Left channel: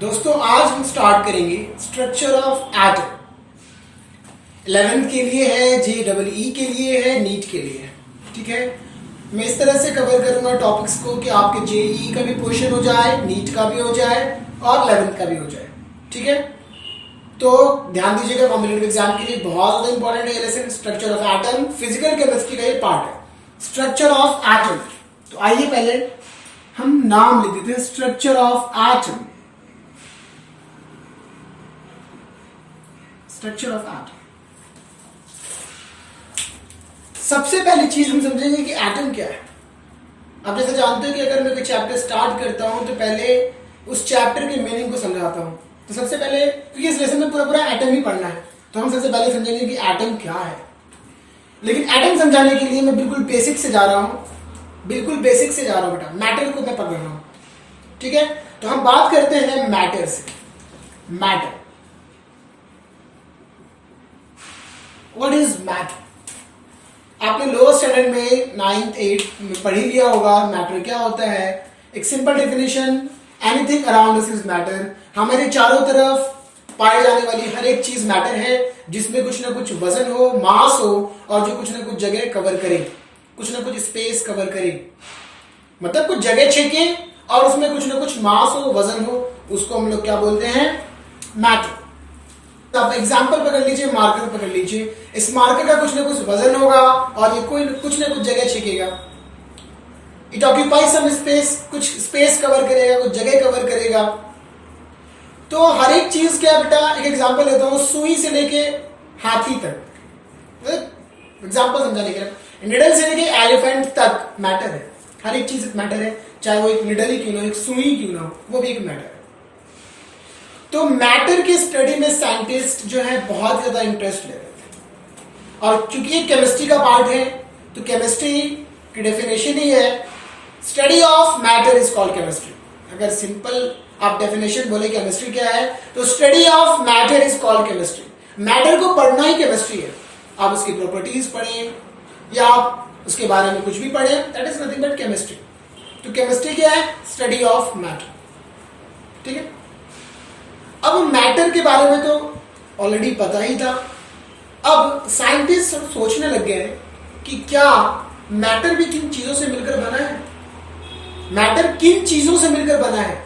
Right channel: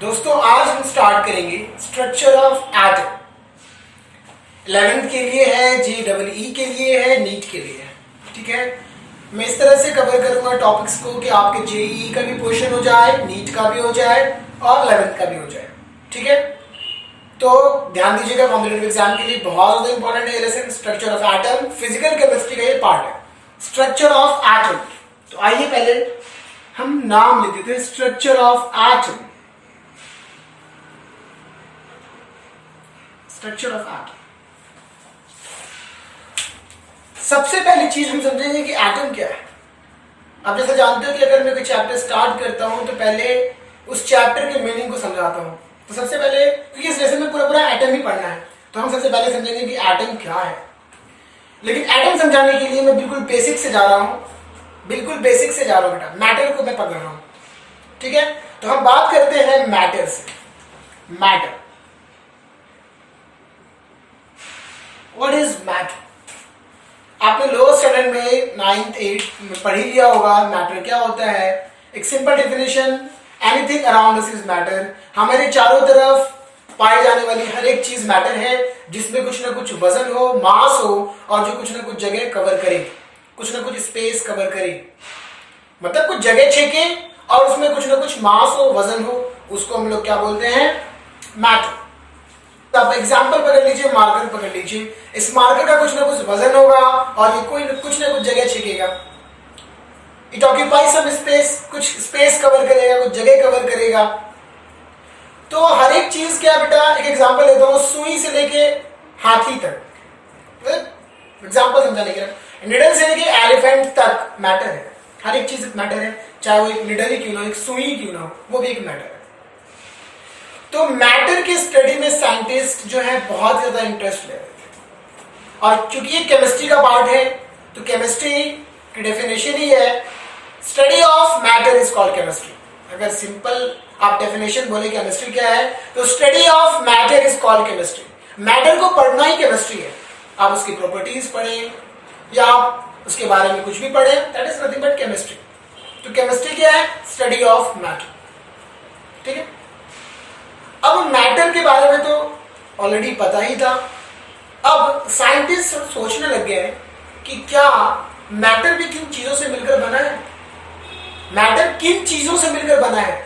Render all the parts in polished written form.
दोस्तों आज हम स्टार्ट करेंगे स्ट्रक्चर ऑफ एटम। 11th के लिए है, JEE के लिए है, नीट के लिए है। ठीक है, मैं इस तरह से कवर करूंगा टॉपिक्स को कि आपके JEE का भी क्वेश्चन हो जाए, नीट का भी हो जाए और 11th का भी हो जाए। ठीक है, तो ध्यान दीजिएगा, कॉम्पिटिटिव एग्जाम के लिए बहुत ज्यादा इंपॉर्टेंट है lesson structure of atom. Physical chemistry का ये पार्ट है, स्ट्रक्चर ऑफ एटम। तो आइए पहले हम नाम ले देते हैं structure of atom. Structure of atom, सबसे पहली चीज हम समझेंगे कि एटम क्या है। आप जैसे जानते हो कि अगर मैं कोई चैप्टर स्टार्ट करता हूं तो पहले उस चैप्टर के मीनिंग को समझाता हूं। तो सबसे पहले, क्योंकि इस लेसन में पूरा पूरा एटम ही पढ़ना है, तो हम सबसे पहले समझेंगे कि एटम क्या है। लेकिन एटम समझाने के लिए मैं बिल्कुल बेसिक से जा रहा हूं, बिल्कुल बेसिक से जा रहा हूं बेटा, मैटर को मैं पकड़ रहा हूं। ठीक है, तो हम बात करते हैं मैटर से। Matter, what is matter? आपने लोअर स्टैंडर्ड में 9th 8th में पढ़ ही लिया होगा मैटर क्या होता है। एक simple definition, anything around us is matter. हमारे चारों तरफ पाए जाने वाली हर एक चीज मैटर है, जिसमें कुछ ना कुछ वजन हो, मास हो, और जो कुछ ना कुछ जगह कवर करे, कुछ ना कुछ स्पेस कवर करे, मतलब कुछ जगह छेके और उसमें कुछ ना कुछ मास हो, वजन हो, उसको हम लोग क्या बोलते हैं? मैटर। तो आप एग्जाम्पल पकड़ लीजिए, मार्कर पकड़ लीजिए। इस मार्कर का कुछ ना कुछ वजन होगा और ये कोई कुछ ना कुछ जगह छेकेगा। इट ऑक्यूपाई सम स्पेस, कुछ स्पेस कवर करेगा, कुछ जगह कवर करेगा। तो हर एक चीज क्या बेटा, एक एग्जांपल लेता हूं, सुई से लेके हाथी तक, एग्जांपल समझाने के लिए, निडल से लेके एलिफेंट तक मैटर है। हर एक चीज मैटर है, चाहे वो एक निडल ही क्यों ना हो, एक सुई क्यों ना हो, वो भी एक मैटर है। तो मैटर की स्टडी में साइंटिस्ट जो है बहुत ज्यादा इंटरेस्ट ले रहे थे, और क्योंकि ये केमिस्ट्री का पार्ट है, तो केमिस्ट्री की डेफिनेशन ही है study of matter is called chemistry. अगर सिंपल आप डेफिनेशन बोले केमिस्ट्री क्या है, तो study of matter is called chemistry. Matter को पढ़ना ही केमिस्ट्री है। आप उसकी प्रॉपर्टीज पढ़ें या आप उसके बारे में कुछ भी पढ़ें, that is nothing but chemistry. तो केमिस्ट्री क्या है? Study of matter. ठीक है, अब मैटर के बारे में तो ऑलरेडी पता ही था। अब साइंटिस्ट सोचने लग गए कि क्या मैटर भी किन चीजों से मिलकर बना है? मैटर किन चीजों से मिलकर बना है?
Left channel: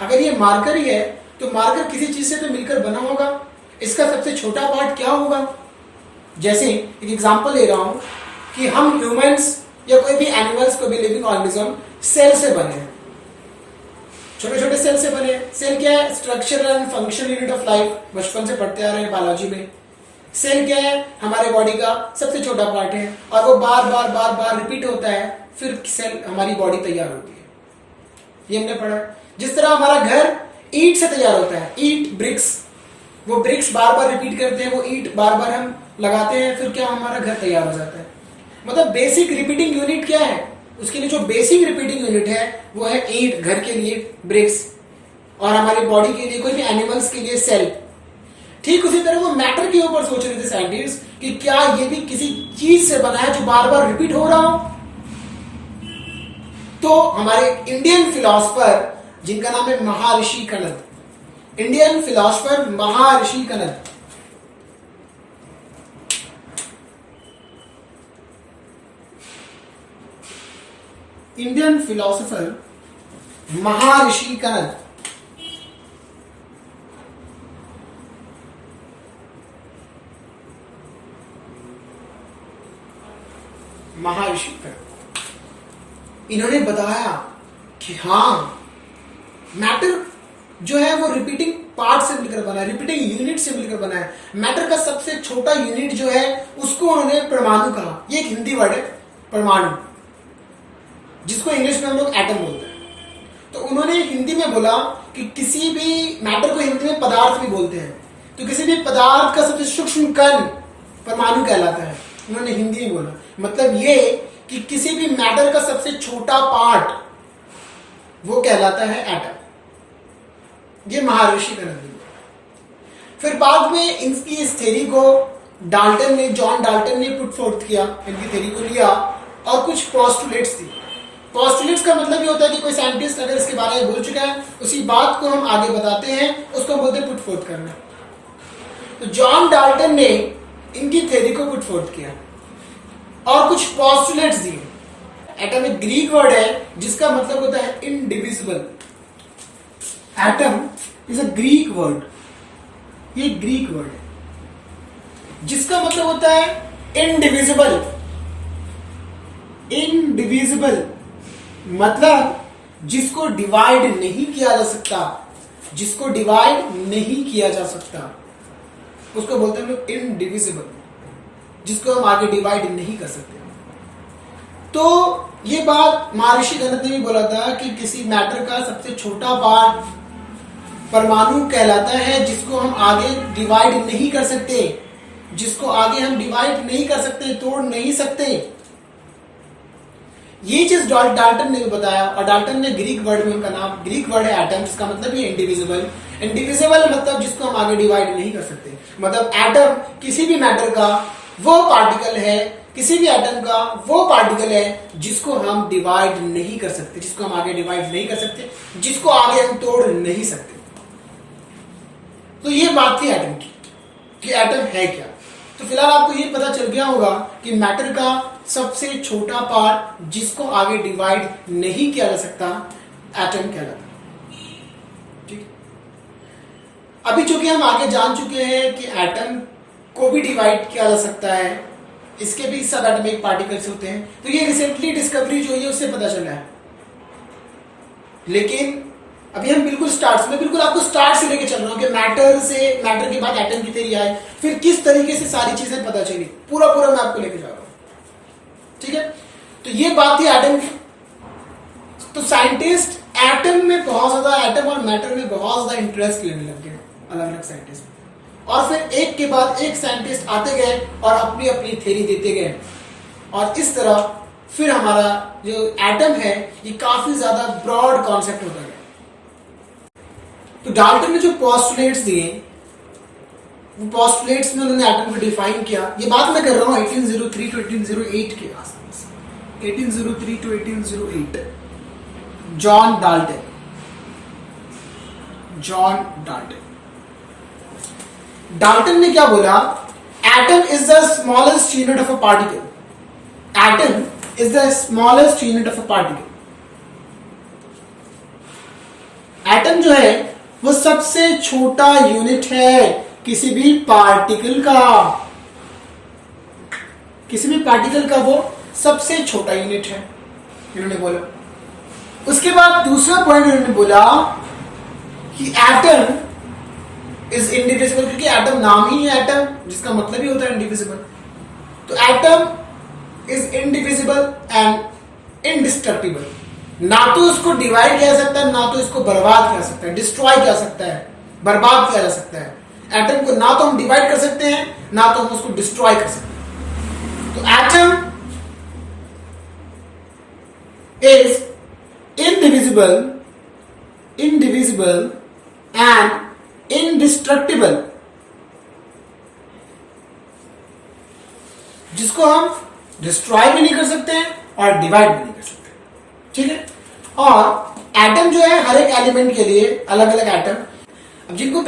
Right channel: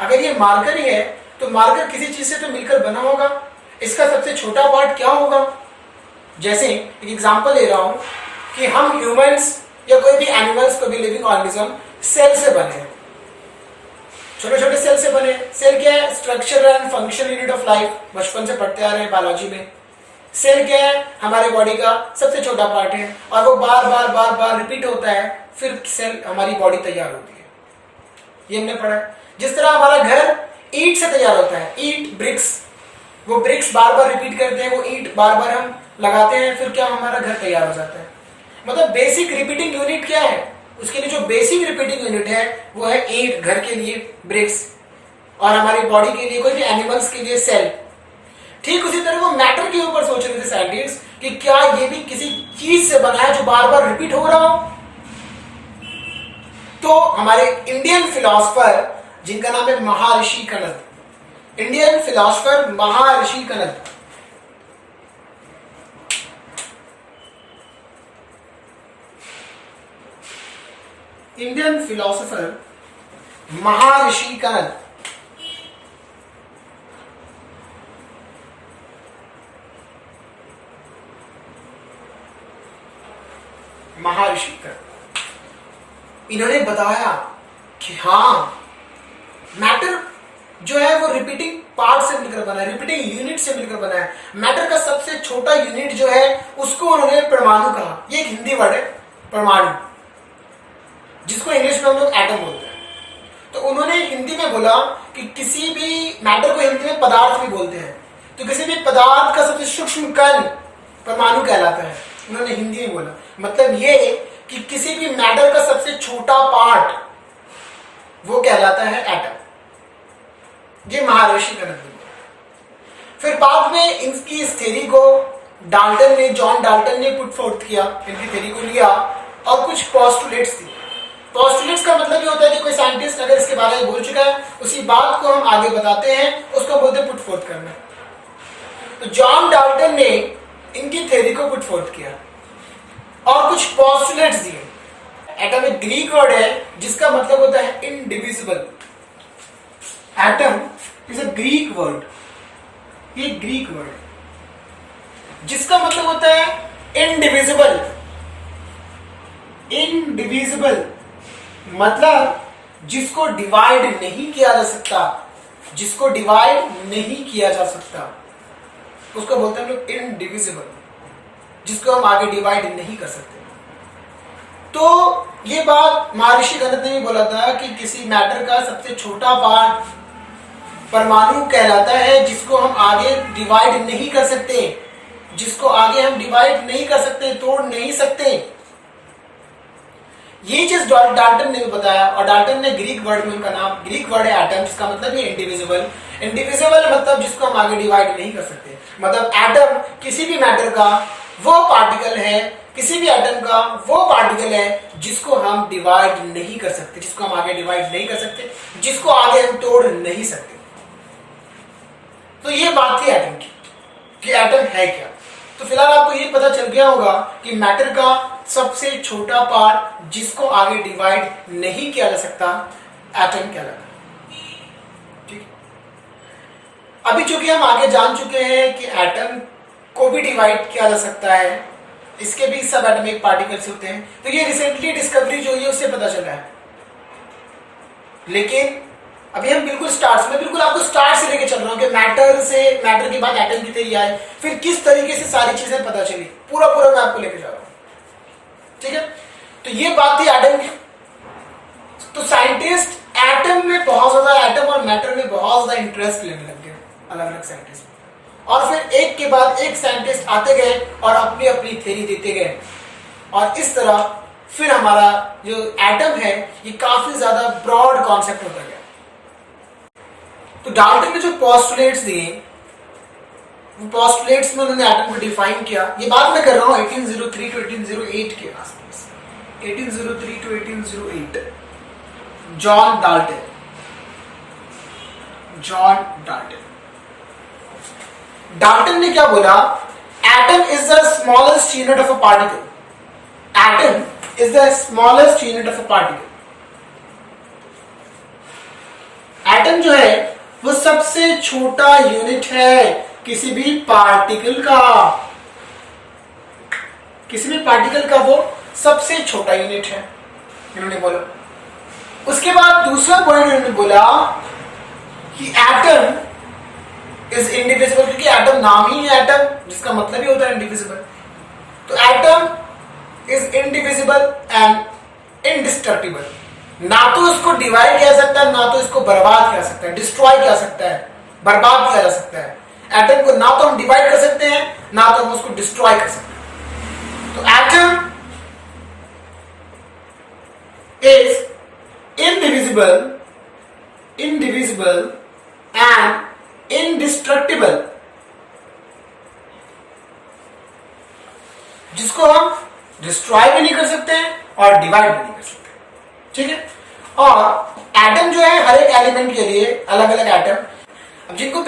अगर ये मार्कर ही है तो मार्कर किसी चीज से तो मिलकर बना होगा। इसका सबसे छोटा पार्ट क्या होगा? जैसे एक एग्जांपल ले रहा हूं कि हम ह्यूमंस या कोई भी एनिमल्स, कोई भी लिविंग ऑर्गेनिज्म सेल से बने हैं, छोटे छोटे सेल से बने। सेल क्या है? Structure and function unit of life, बचपन से पढ़ते आ रहे हैं बायोलॉजी में। सेल क्या है? हमारे बॉडी का सबसे छोटा पार्ट है, और वो बार बार बार बार रिपीट होता है, फिर सेल हमारी बॉडी तैयार होती है। ये हमने पढ़ा। जिस तरह हमारा घर ईंट से तैयार होता है, ईंट, ब्रिक्स, वो ब्रिक्स बार बार रिपीट करते हैं, वो ईंट बार बार हम लगाते हैं, फिर क्या हमारा घर तैयार हो जाता है। मतलब बेसिक रिपीटिंग यूनिट क्या है? उसके लिए जो बेसिक रिपीटिंग यूनिट है वो है ईंट, घर के लिए ब्रिक्स, और हमारी बॉडी के लिए, कोई भी एनिमल्स के लिए सेल। ठीक उसी तरह वो मैटर के ऊपर सोच रहे थे साइंटिस्ट कि क्या ये भी किसी चीज से बना है जो बार बार रिपीट हो रहा हो। तो हमारे इंडियन फिलोसफर जिनका नाम है महर्षि कनद, इंडियन फिलोसफर महर्षि कनद, इंडियन फिलोसोफर महर्षि कनद, महर्षि कनद, इन्होंने बताया कि हाँ मैटर जो है वो रिपीटिंग पार्ट से मिलकर बना है, रिपीटिंग यूनिट से मिलकर बना है। मैटर का सबसे छोटा यूनिट जो है उसको उन्होंने परमाणु कहा। ये एक हिंदी वर्ड है परमाणु, जिसको इंग्लिश में हम लोग एटम बोलते हैं। तो उन्होंने हिंदी में बोला कि किसी भी मैटर को हिंदी में पदार्थ भी बोलते हैं, तो किसी भी पदार्थ का सबसे सूक्ष्म कण परमाणु कहलाता है। उन्होंने हिंदी में बोला, मतलब ये कि किसी भी मैटर का सबसे छोटा पार्ट वो कहलाता है एटम। ये महर्षि कनद ने बोला। फिर बाद में इनकी इस थ्योरी को जॉन डाल्टन ने पुट फोर्थ किया, इनकी थ्योरी को लिया और कुछ पोस्टुलेट्स दी। पोस्टुलेट्स का मतलब ये होता है कि कोई साइंटिस्ट अगर इसके बारे में बोल चुका है, उसी बात को हम आगे बताते हैं, उसको बोलते हैं पुट फोर्थ करना। तो जॉन डाल्टन ने इनकी थ्योरी को पुट फोर्थ किया और कुछ पोस्टुलेट्स दिए। एटम एक ग्रीक वर्ड है जिसका मतलब होता है indivisible. Atom is a Greek word, ये ग्रीक वर्ड है जिसका मतलब होता है इनडिविजिबल। इनडिविजिबल मतलब जिसको डिवाइड नहीं किया जा सकता, जिसको डिवाइड नहीं किया जा सकता उसको बोलते हैं हम लोग इनडिविजिबल, जिसको हम आगे डिवाइड नहीं कर सकते। तो ये बात महर्षि गणत ने भी बोला था कि किसी मैटर का सबसे छोटा पार्ट परमाणु कहलाता है, जिसको हम आगे डिवाइड नहीं कर सकते, जिसको आगे हम डिवाइड नहीं कर सकते, तोड़ नहीं सकते। ये चीज डाल्टन ने भी बताया, और डाल्टन ने ग्रीक वर्ड में, उनका नाम ग्रीक वर्ड है एटम, जिसका मतलब ये इंडिविजिबल। इंडिविजिबल मतलब जिसको हम आगे डिवाइड नहीं कर सकते, मतलब एटम किसी भी मैटर का वो पार्टिकल है, किसी भी एटम का वो पार्टिकल है जिसको हम डिवाइड नहीं कर सकते, जिसको हम आगे डिवाइड नहीं कर सकते, जिसको आगे हम तोड़ नहीं सकते। तो ये बात थी एटम की कि एटम है क्या। तो फिलहाल आपको ये पता चल गया होगा कि मैटर का सबसे छोटा पार्ट जिसको आगे डिवाइड नहीं किया जा सकता एटम कहलाता है। ठीक, अभी चूंकि हम आगे जान चुके हैं कि एटम को भी डिवाइड किया जा सकता है, इसके भी सब एटॉमिक पार्टिकल्स होते हैं, तो ये रिसेंटली डिस्कवरी जो है उससे पता चला है। लेकिन अभी हम बिल्कुल स्टार्ट में, बिल्कुल आपको स्टार्ट से लेके चल रहा हूं कि मैटर के बाद एटम की थ्योरी आई, फिर किस तरीके से सारी चीजें पता चली, पूरा मैं आपको लेके जा रहा हूं। ठीक है, तो ये बात थी एटम की। तो साइंटिस्ट एटम में बहुत ज्यादा, एटम और मैटर में बहुत ज्यादा इंटरेस्ट लेने लग गए, अलग अलग साइंटिस्ट, और फिर एक के बाद एक साइंटिस्ट आते गए और अपनी अपनी थ्योरी देते गए, और इस तरह फिर हमारा जो एटम है ये काफी ज्यादा ब्रॉड कॉन्सेप्ट होता गया। तो डाल्टन ने जो पोस्टुलेट्स दिए, वो पोस्टुलेट्स में उन्होंने एटम को डिफाइन किया। ये बात मैं कर रहा हूं 1803 टू 1808 के आसपास, 1803 टू 1808। जॉन डाल्टन डाल्टन ने क्या बोला? Atom is the smallest unit of a particle. Atom is the smallest unit of a particle. Atom जो है वो सबसे छोटा यूनिट है किसी भी पार्टिकल का, किसी भी पार्टिकल का वो सबसे छोटा यूनिट है, इन्होंने बोला। उसके बाद दूसरा पॉइंट इन्होंने बोला कि एटम इज इंडिविजिबल, क्योंकि एटम नाम ही है एटम, जिसका मतलब ही होता है इंडिविजिबल। तो atom is indivisible and indestructible. ना तो इसको डिवाइड किया जा सकता है, ना तो इसको बर्बाद किया जा सकता है, डिस्ट्रॉय किया जा सकता है, बर्बाद किया जा सकता है। एटम को ना तो हम डिवाइड कर सकते हैं, ना तो हम उसको डिस्ट्रॉय कर सकते हैं। तो atom is indivisible and indestructible, जिसको हम डिस्ट्रॉय भी नहीं कर सकते और डिवाइड भी नहीं कर सकते। ठीक है, और एटम जो है हर एक एलिमेंट के लिए अलग अलग एटम, अब जिनको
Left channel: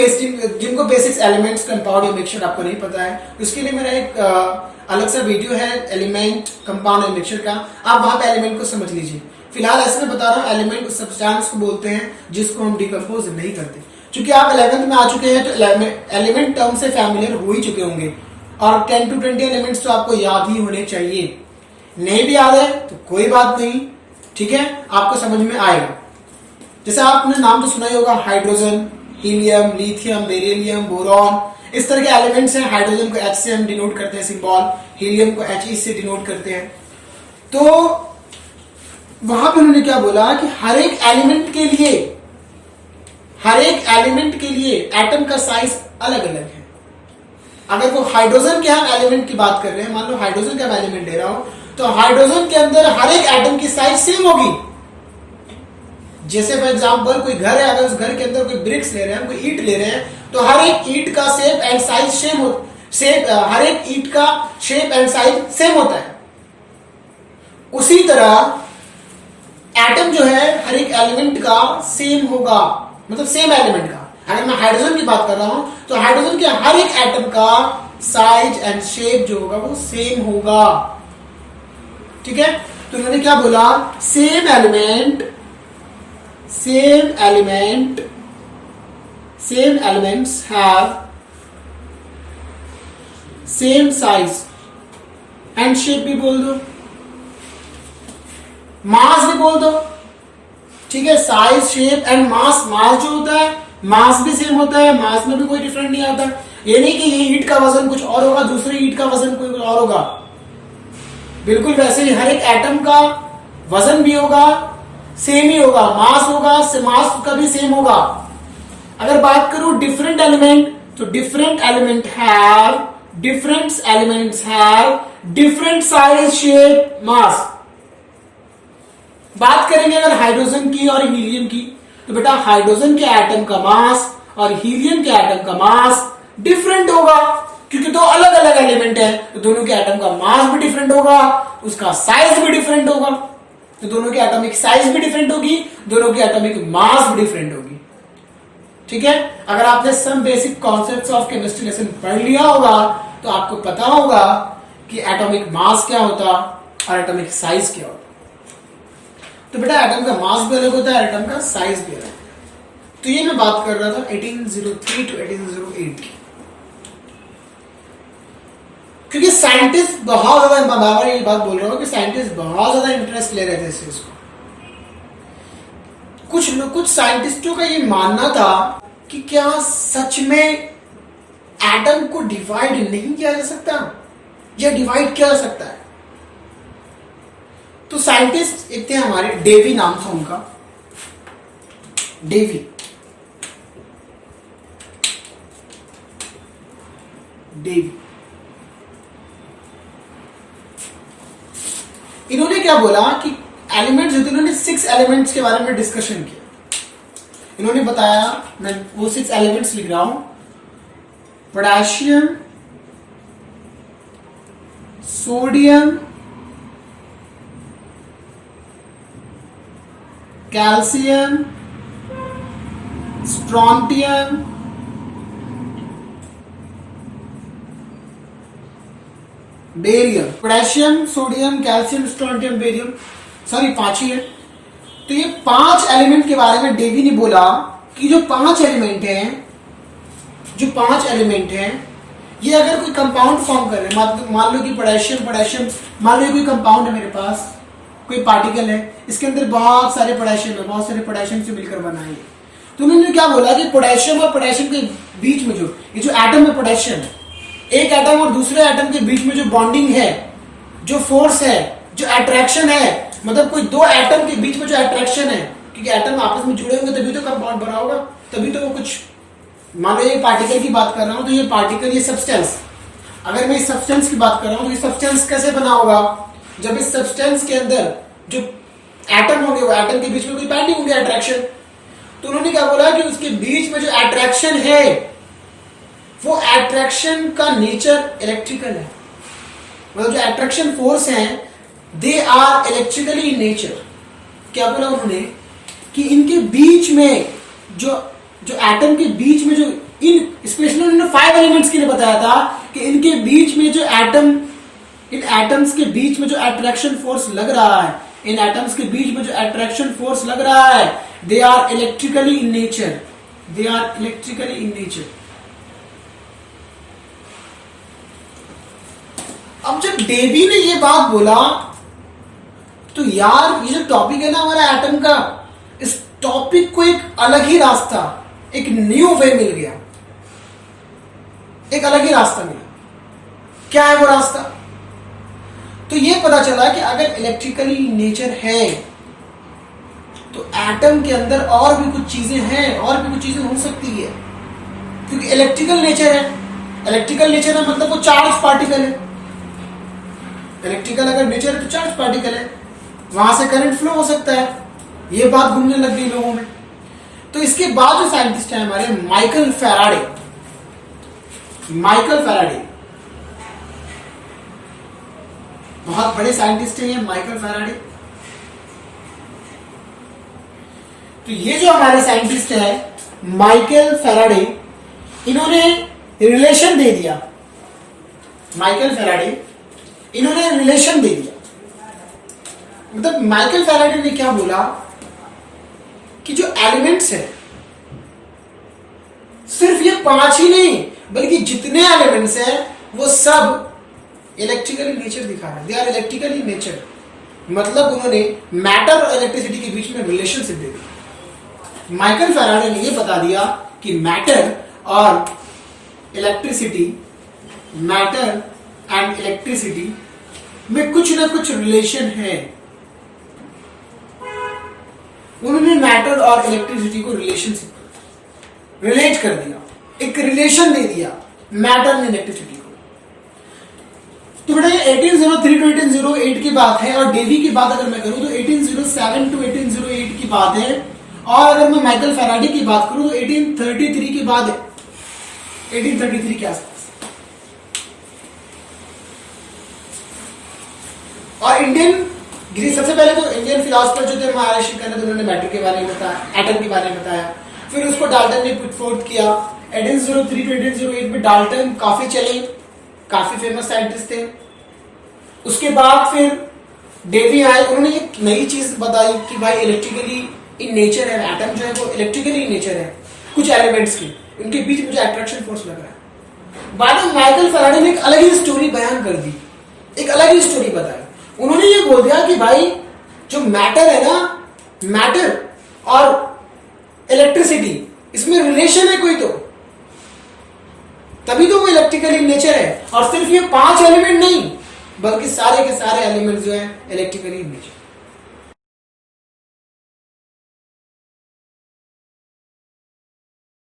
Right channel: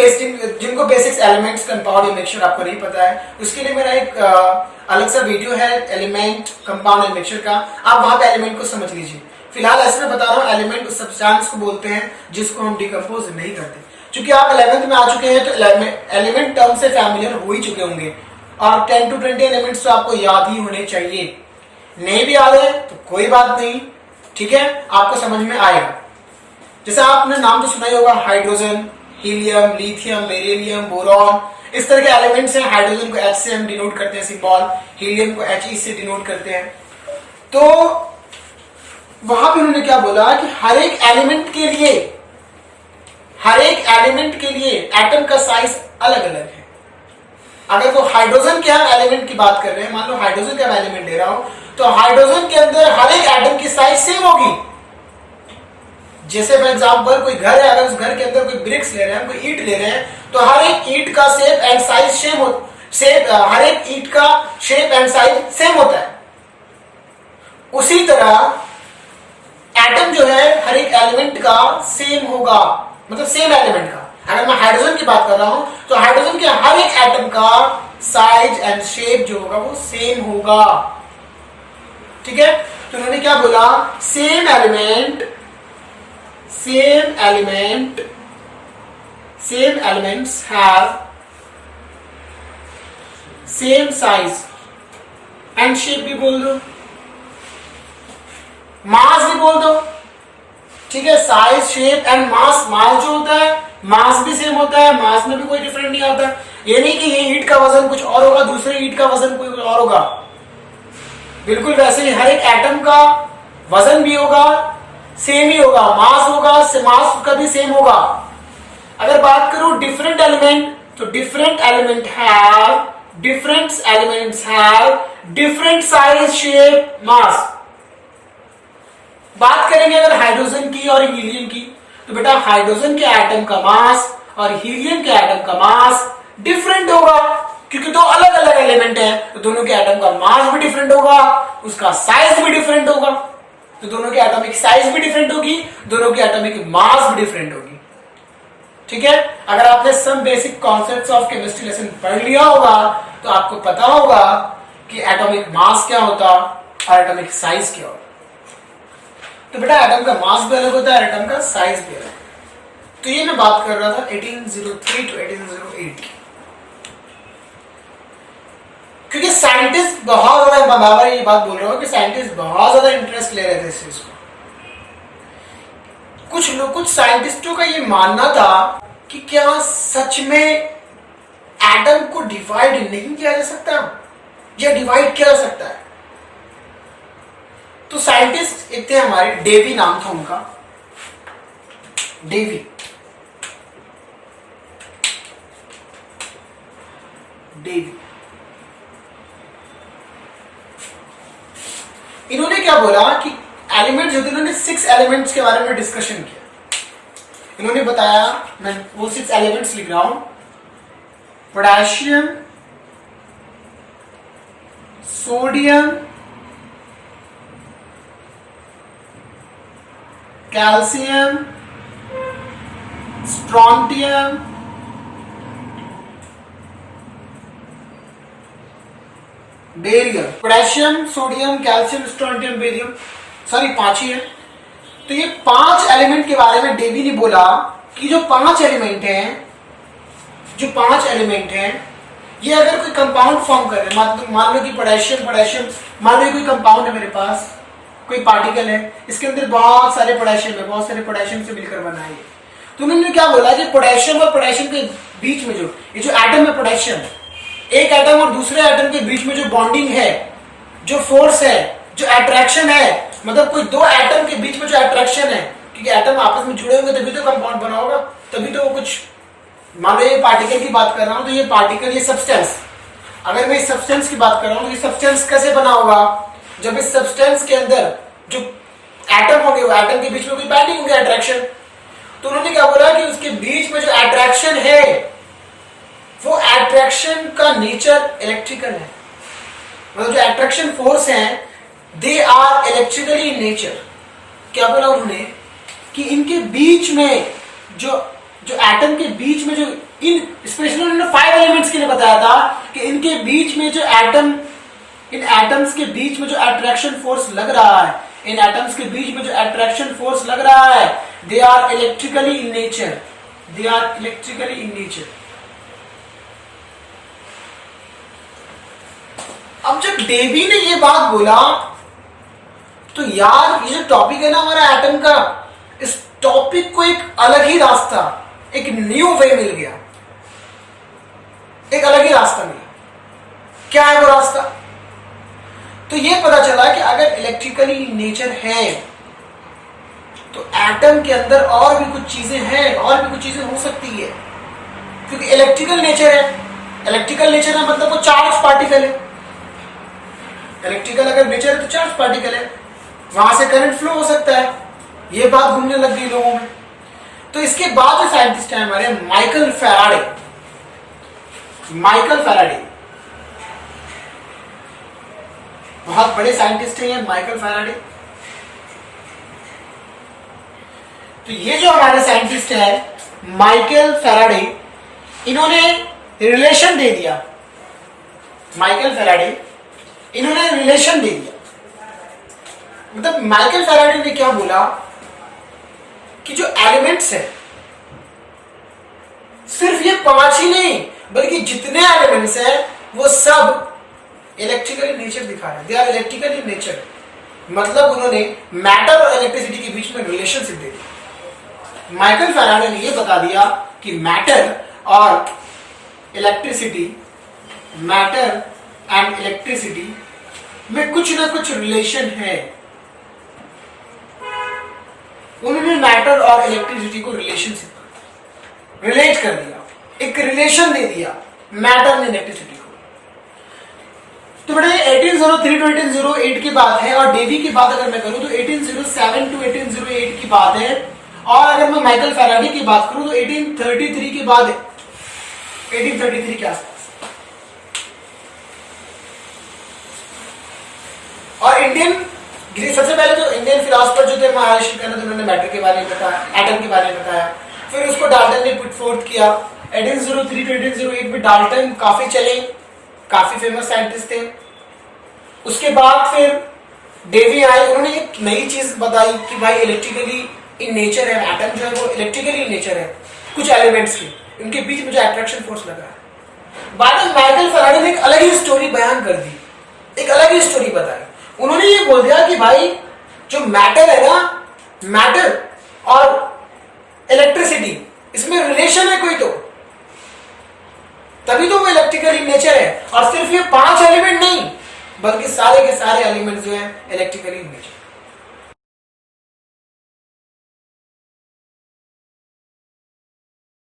बेसिक्स एलिमेंट्स कंपाउंड या मिक्सचर आपको नहीं पता है, उसके लिए मेरा एक अलग सा वीडियो है एलिमेंट, कंपाउंड एंड मिक्सचर का, आप वहां पे एलिमेंट को समझ लीजिए। फिलहाल ऐसे में बता रहा हूँ, एलिमेंट उस सब्सटेंस को बोलते हैं जिसको हम डिकम्पोज नहीं करते। क्योंकि आप 11th में आ चुके हैं तो एलिमेंट टर्म से फैमिलियर हो ही चुके होंगे, और 10 to 20 एलिमेंट्स तो आपको याद ही होने चाहिए। नहीं भी याद है तो कोई बात नहीं, ठीक है, आपको समझ में आएगा। जैसे आपने नाम तो सुना ही होगा, hydrogen, helium, lithium, beryllium, boron, इस तरह के एलिमेंट्स हैं। हाइड्रोजन को H से हम डिनोट करते हैं सिंबल, हीलियम को He से डिनोट करते हैं। तो वहां पे उन्होंने क्या बोला कि हर एक एलिमेंट के लिए एटम का साइज अलग अलग है। अगर वो हाइड्रोजन के हम एलिमेंट की बात कर रहे हैं, मान लो हाइड्रोजन का मैं एलिमेंट ले रहा हूं, तो हाइड्रोजन के अंदर हर एक एटम की साइज सेम होगी। जैसे फॉर एग्जांपल कोई घर है, अगर उस घर के अंदर कोई ब्रिक्स ले रहे हैं, कोई ईंट ले रहे हैं, तो हर एक ईंट का शेप एंड साइज हर एक ईंट का शेप एंड साइज सेम होता है। उसी तरह एटम जो है हर एक एलिमेंट का सेम होगा, मतलब सेम एलिमेंट का। अगर मैं हाइड्रोजन की बात कर रहा हूं तो हाइड्रोजन के हर एक एटम का साइज एंड शेप जो होगा वो सेम होगा। ठीक है, तो उन्होंने क्या बोला, same elements have same size and shape भी बोल दो, मास भी बोल दो। ठीक है, साइज शेप एंड मास। मास जो होता है मास भी सेम होता है, मास में भी कोई डिफरेंट नहीं आता। ये नहीं कि ये ईंट का वजन कुछ और होगा, दूसरे ईंट का वजन कोई और होगा। बिल्कुल वैसे ही हर एक एटम का वजन भी होगा, सेम ही होगा, मास होगा, मास का भी सेम होगा। अगर बात करूं डिफरेंट एलिमेंट, तो different elements have different size, shape, mass. बात करेंगे अगर हाइड्रोजन की और हीलियम की, तो बेटा हाइड्रोजन के एटम का मास और हीलियम के एटम का मास डिफरेंट होगा, क्योंकि दो अलग अलग एलिमेंट हैं, तो दोनों के एटम का मास भी डिफरेंट होगा, उसका साइज भी डिफरेंट होगा। तो दोनों की एटॉमिक साइज भी डिफरेंट होगी, दोनों की एटॉमिक मास भी डिफरेंट होगी। ठीक है, अगर आपने some basic concepts of chemistry lesson पढ़ लिया होगा तो आपको पता होगा कि एटॉमिक मास क्या होता और एटॉमिक साइज क्या होता। तो बेटा एटम का मास भी अलग होता है, एटम का साइज भी अलग। तो ये मैं बात कर रहा था 1803 टू 1808 की, क्योंकि साइंटिस्ट बहुत ज्यादा, बार ये बात बोल रहा हूं कि साइंटिस्ट बहुत ज्यादा इंटरेस्ट ले रहे थे इस चीज को। कुछ साइंटिस्टों का ये मानना था कि क्या सच में एटम को डिवाइड नहीं किया जा सकता या डिवाइड किया जा सकता है। तो साइंटिस्ट एक थे हमारे, डेवी नाम था उनका, डेवी। इन्होंने क्या बोला कि एलिमेंट्स जो थे, इन्होंने 6 एलिमेंट्स के बारे में डिस्कशन किया। इन्होंने बताया, मैं वो 6 एलिमेंट्स लिख रहा हूं, potassium, sodium, calcium, strontium, barium. Potassium, sodium, calcium, strontium, barium, sorry 5 ही है। तो ये 5 एलिमेंट के बारे में डेवी ने बोला कि जो 5 एलिमेंट हैं, ये अगर कोई कंपाउंड फॉर्म कर रहे हैं, मान लो कि पोटेशियम, मान लो कोई कंपाउंड है मेरे पास, कोई पार्टिकल है, इसके अंदर बहुत सारे पोटेशियम है, बहुत सारे पोटेशियम से मिलकर बना है। तो उन्होंने क्या बोला कि पोटेशियम और पोटेशियम के बीच में जो एटम है पोटेशियम, एक एटम और दूसरे एटम के बीच में जो बॉन्डिंग है, जो फोर्स है, जो अट्रैक्शन है, मतलब कोई दो एटम के बीच में जो अट्रैक्शन है, क्योंकि एटम आपस में जुड़े होंगे तभी तो कंपाउंड बना होगा, तभी तो वो कुछ। मान लो ये पार्टिकल की बात कर रहा हूं, तो ये पार्टिकल, ये सब्सटेंस, अगर मैं इस सब्सटेंस की बात कर रहा हूं तो ये सब्सटेंस कैसे बना होगा, जब इस सब्सटेंस के अंदर जो एटम होंगे, वो एटम के बीच में कोई बाइंडिंग होगी, अट्रैक्शन। तो उन्होंने क्या बोला कि उसके बीच में जो अट्रैक्शन है, वो अट्रैक्शन का नेचर इलेक्ट्रिकल है, मतलब जो अट्रैक्शन फोर्स हैं they are electrically in nature. क्या बोला उन्होंने कि इनके बीच में जो एटम के बीच में जो स्पेशली उन्होंने 5 एलिमेंट्स के लिए बताया था कि इनके बीच में जो इन एटम्स के बीच में जो अट्रैक्शन फोर्स लग रहा है, इन एटम्स के बीच में जो अट्रैक्शन फोर्स लग रहा है, they are electrically in nature, अब जब डेवी ने ये बात बोला तो यार ये जो टॉपिक है ना हमारा एटम का, इस टॉपिक को एक अलग ही रास्ता, एक न्यू वे मिल गया, एक अलग ही रास्ता मिला। क्या है वो रास्ता? तो ये पता चला कि अगर इलेक्ट्रिकली नेचर है तो एटम के अंदर और भी कुछ चीजें हैं, और भी कुछ चीजें हो सकती है, क्योंकि इलेक्ट्रिकल नेचर है मतलब वो चार्ज पार्टिकल है। इलेक्ट्रिकल अगर नेचर है तो चार्ज पार्टिकल है, वहां से करंट फ्लो हो सकता है। ये बात घूमने लग गई लोगों में। तो इसके बाद जो साइंटिस्ट है हमारे, माइकल फैराडे, बहुत बड़े साइंटिस्ट हैं ये माइकल फैराडे। तो ये जो हमारे साइंटिस्ट है माइकल फैराडे, इन्होंने रिलेशन दे दिया। माइकल फैराडे इन्होंने रिलेशन दे दिया। मतलब माइकल फैराडे ने क्या बोला कि जो एलिमेंट्स है सिर्फ ये 5 ही नहीं बल्कि जितने एलिमेंट्स हैं वो सब इलेक्ट्रिकली नेचर दिखा रहे हैं। They are electrically nature. मतलब उन्होंने मैटर और इलेक्ट्रिसिटी के बीच में रिलेशनशिप दे दी। माइकल फैराडे ने ये बता दिया कि मैटर और इलेक्ट्रिसिटी, मैटर एंड इलेक्ट्रिसिटी में कुछ ना कुछ रिलेशन है। उन्होंने मैटर और इलेक्ट्रिसिटी को रिलेशनशिप रिलेट कर दिया, एक रिलेशन दे दिया मैटर ने इलेक्ट्रिसिटी को। तो बड़े 1803 टू 1808 की बात है और डेवी की बात अगर मैं करूं तो 1807 टू 1808 की बात है। और अगर मैं माइकल फैराडे की बात करूं तो 1833 की बात है, 1833 के आसपास। और सबसे पहले तो इंडियन फिलोसफर जो थे महर्षि कर्ण, उन्होंने मैटर के बारे में बताया, एटम के बारे में बताया। फिर उसको डाल्टन ने पुट फोर्थ किया। 1803 टू 1808 में डाल्टन काफी चले, काफी फेमस साइंटिस्ट थे। उसके बाद फिर डेवी आए, उन्होंने एक नई चीज बताई कि भाई इलेक्ट्रिकली इन नेचर है, एटम जो है वो इलेक्ट्रिकली इन नेचर है कुछ एलिमेंट्स की, इनके बीच में जो अट्रैक्शन फोर्स लग रहा है। बाद में माइकल फैराडे ने एक अलग ही स्टोरी बयान कर दी, एक अलग ही स्टोरी बताई। उन्होंने ये बोल दिया कि भाई जो मैटर है ना, मैटर और इलेक्ट्रिसिटी इसमें रिलेशन है कोई, तो तभी तो वो इलेक्ट्रिकल इन नेचर है। और सिर्फ ये 5 एलिमेंट नहीं बल्कि सारे के सारे एलिमेंट जो है इलेक्ट्रिकली इन नेचर।